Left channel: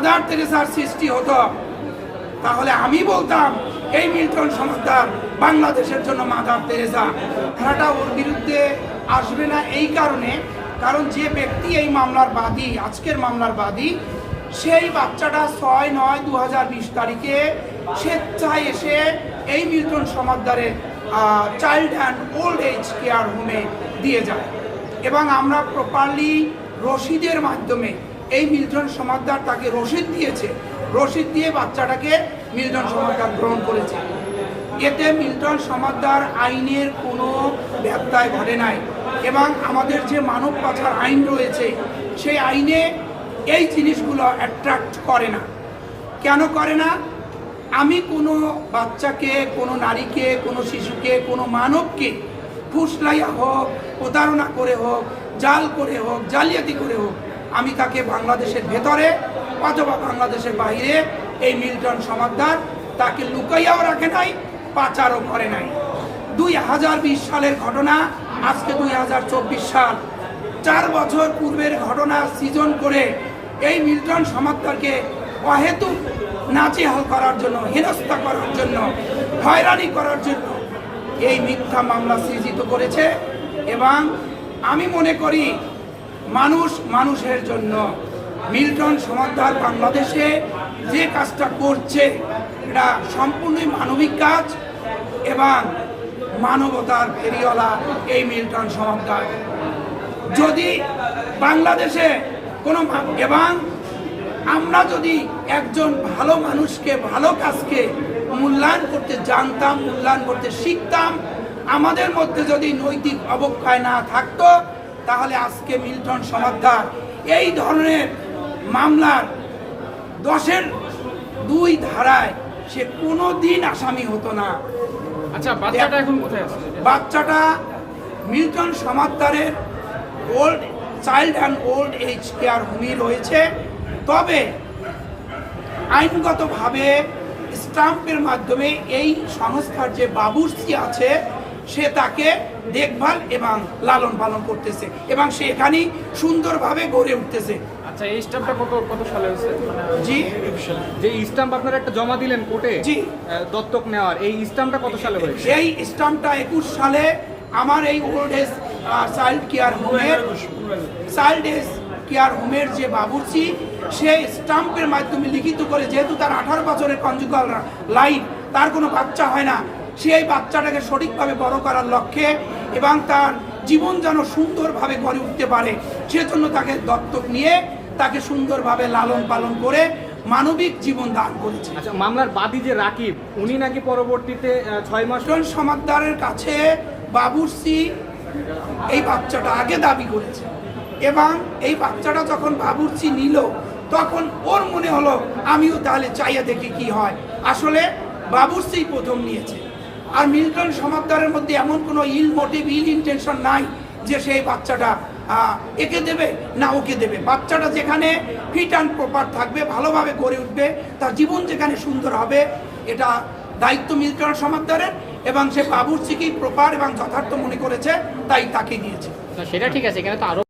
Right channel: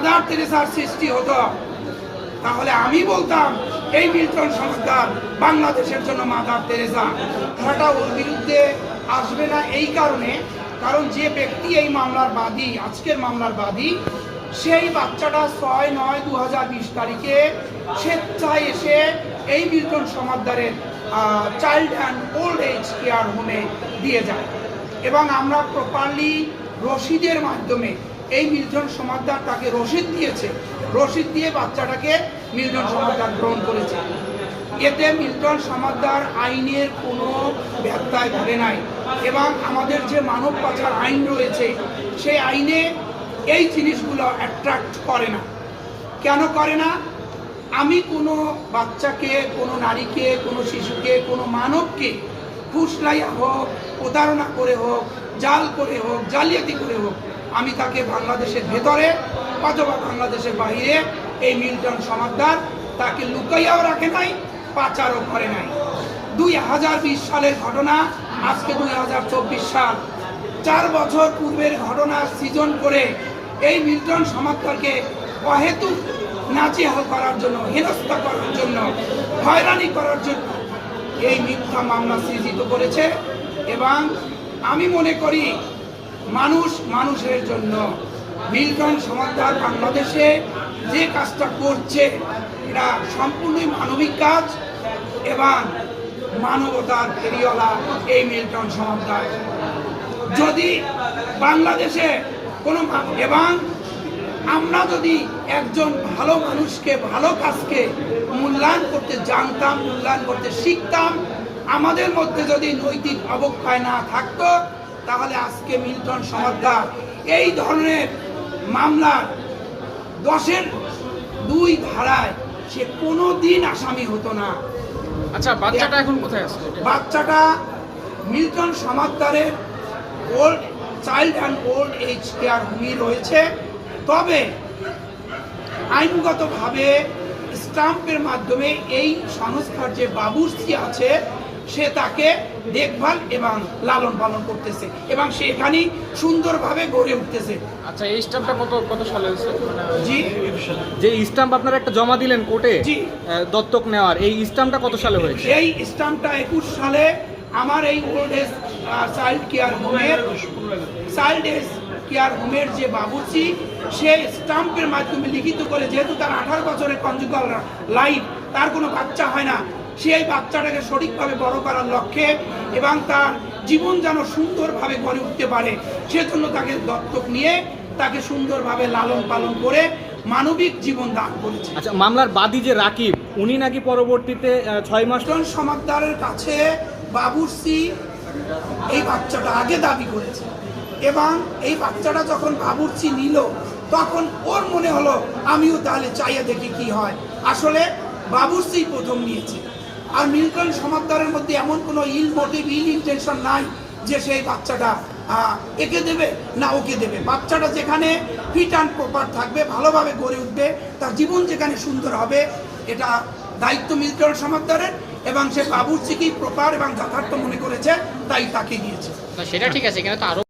Mother তেরেসার সৃষ্টি হতো, তাহলে আমি বলতাম এই মিল্টন সমাজদার বাংলাদেশের জন্য মাদার তেরেসা। খেলাটা ওর বিরুদ্ধে আসবে না এই কারণে, কারণ যে ব্যক্তি এই মামলার বাদী, আজকের মামলার বাদী, সেই বাচ্চাটা 6/9/2020 তারিখে স্বেচ্ছায় এসে এই মিল্টন সমাজদারের child and old age care হোমে দিয়ে যায় এবং আমরা প্রপারলি রসিদের মাধ্যমে এই মিল্টন সমাজদার তাকে রসিদ দিয়েছে, রসিদ দিয়ে বাচ্চাটাকে মিল্টন সমাজদার গ্রহণ করেছে। এতে মিল্টন সমাজদার আইনের কোনো ব্যত্যয় ঘটে নাই এবং আমাদের যে মানব পাচার আইন রয়েছে সেই আইনে এই জিনিসগুলো অ্যাট্রাক্ট করে না। কেন করে না? আমি কোনো বাচ্চাকে, কোনো নারীকে, কোনো শিশুকে, কোনো মানবকে ফুসলাইয়া হোক, প্রতারণা করে হোক, জাল করে হোক, জালিয়াতি করে হোক, আমি তাকে বাংলাদেশের ভেতরে অথবা বাংলাদেশের বাইরে এই মিল্টন সমাজদার তাকে লুকাইয়াও রাখে নাই, পাচারও করে নাই। 2020 সালের ঘটনা, আজকে 2024 সাল, 4 বছর পূর্বের ঘটনা সৃজন করে এই মিল্টন সমাজদারকে অহেতুক নাজেহাল করার জন্য, হেনস্থা করার জন্য, হয়রানি করার জন্য এই মিথ্যা মামলা সৃজিত করেছে। এবং আমি মনে করি মানুষ মানুষের জন্য মিল্টন সমাজদার বাংলাদেশে যে কাজটা করছে এটা সম্পূর্ণই মানবিক কাজ এবং মানবতার ফেরিওয়ালা এই মিল্টন সমাজদার। যদি বাংলাদেশে কোনো এবং আমরা যদি একজন ভালো মানুষকে, ভালো কাজকে মূল্যায়ন করতে জানতাম, মূল্যায়ন করতে শিখতাম, আমাদের মধ্যে যদি নৈতিক অবক্ষয় না থাকতো, তাহলে আজকে মিল্টন সমাজদার এই ধরনের মামলার 10-এর 2 ধারায় সে কোনো দিন আসামি হতো না। আচ্ছা, বাচ্চাটা এখন কোথায় আছে? বাচ্চাটা মিল্টন সমাজদারের old child and old age care হোমে রয়েছে। তবে আইনগতভাবে স্টাম্পের মাধ্যমে এই সংস্থার যে বাবুর্চি আছে সে তাকে দেখভাল এবং লালন পালন করতেছে এবং সে এখানেই সুন্দরভাবে গড়ে উঠতেছে। আচ্ছা, এই স্টাম্পটা কত সালে হয়েছে? জি, যে স্টাম্প আপনারা একটা জমা দিলেন কোর্টে, জি, দত্তক নেওয়ার, এই স্টাম্পটা কত সালে হয়েছে? এই স্টাম্পটা 21 সালে আমার এই ওল্ড এজ চাইল্ড কেয়ার হোমের যে বাবুর্চি সে স্টাম্পের মাধ্যমে লিখিত করে, যেহেতু তার 18 বছরের কনজুগাল লাইফ, তার কোনো বাচ্চা হয় না, সেই বাচ্চাটাকে সঠিকভাবে বড় করার লক্ষ্যে এবং তার জীবন যেন সুন্দরভাবে গড়ে উঠতে পারে সেজন্য তাকে দত্তক নিয়ে তাকে সুন্দরভাবে লালন পালন করে মানবিক জীবন দান করেছে। আচ্ছা, মামলার বাদী যে রাকিব, উনি নাকি পরবর্তীতে 6 মাস সমাজদারের কাছে বাবুর্চি এই বাচ্চাটা আগে দাবি করেছে এবং এই বাচ্চাটা যখন বাবুর্চি নিল তখন ওর মনে হলো আমিও তাহলে চাইয়া দেখি কি হয়। আসলে বাবুর্চি প্রথম নিয়েছে। আর মিল্টন সমাজদারের মধ্যে এমন কোনো ইল মোটিভ, ইল ইন্টেনশন নাই যে সেই বাচ্চাটা একে দেবে না ওকে দেবে। বাচ্চাটা যেখানে ফিট অ্যান্ড প্রপার থাকবে, ভালোভাবে গড়ে উঠবে, তার জীবন যেখানে সুন্দর হবে, এটা দায়িত্ব মিল্টন সমাজদারের এবং সে বাবুর্চিকেই প্রপার এবং যথার্থ মনে করেছে, তাই তাকে দিয়েছে। সেটা ঠিক আছে, এখানে তো আরো